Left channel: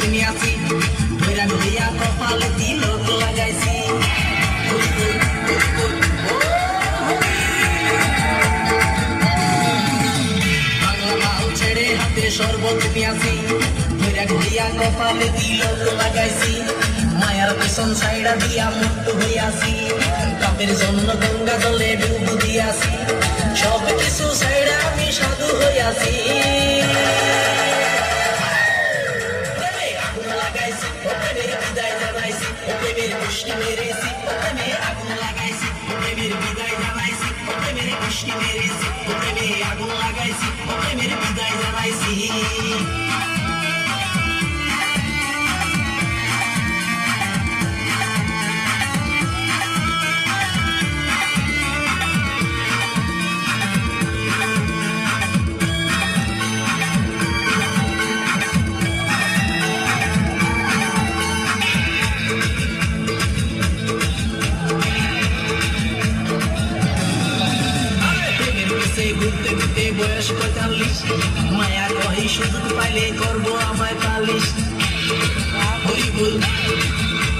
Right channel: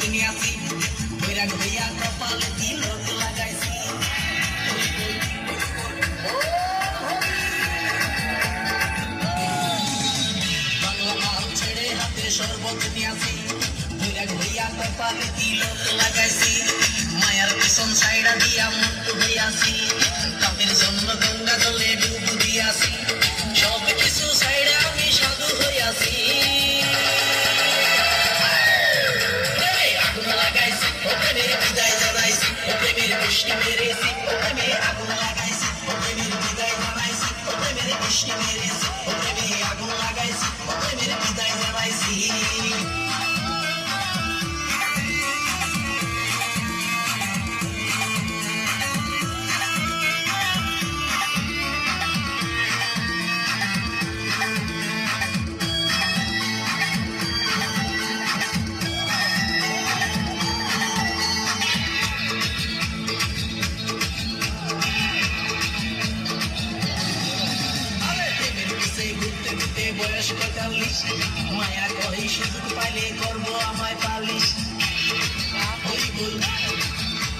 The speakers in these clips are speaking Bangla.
তুমি আছি ধৈরা ধৈয়া কপালে তিলক লাগাইছি বাংলা মাল ছেড়ে হাতে শরবত নিয়ে আসি ধৈরা ধৈয়া কপালে তিলক লাগাইছি মায়ার পেছন সাইডা দিয়া মুক্ত হইয়াছি কাপের জন্য গঙ্গা জলে ডুব দিয়াছি সব কিছু সাইডা আমি সাধু হইয়াছি আগুন লাগাইছি প্রেমের বিদায় জানাইছি প্রেমের বৃষ্টি মেরেছি প্রেমে আগুন লাগাইছি প্রেমের বিদায় জানাইছি প্রেমের বৃষ্টি মেরেছি প্রেমে আগুন লাগাইছি প্রেমের বিদায় জানাইছি ঘুরতে ঘুরতে বয়স 45 মায়া কহি সুযোগ পাইলে করবো আমায় পালিশ হরিবল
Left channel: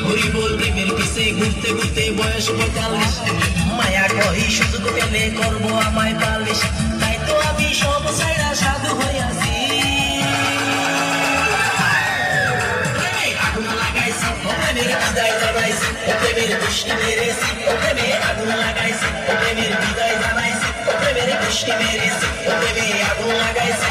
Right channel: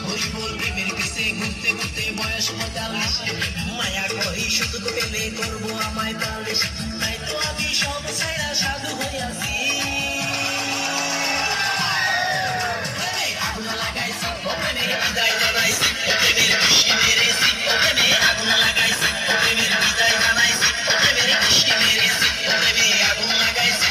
হরিবল প্রেমের পিছে ঘুরতে ঘুরতে বয়স 45 মায়া কহি সুযোগ পেলে করবো আমায় পালিশ তাই তো আমি সব ছাইড়া সাধু হইয়াছি আগুন লাগাইছি প্রেমের বিদায় জানাইছি প্রেমের বৃষ্টি মেরেছি প্রেমে আগুন লাগাইছি প্রেমের বিদায় জানাইছি প্রেমের বৃষ্টি মেরেছি প্রেমে আগুন লাগাইছি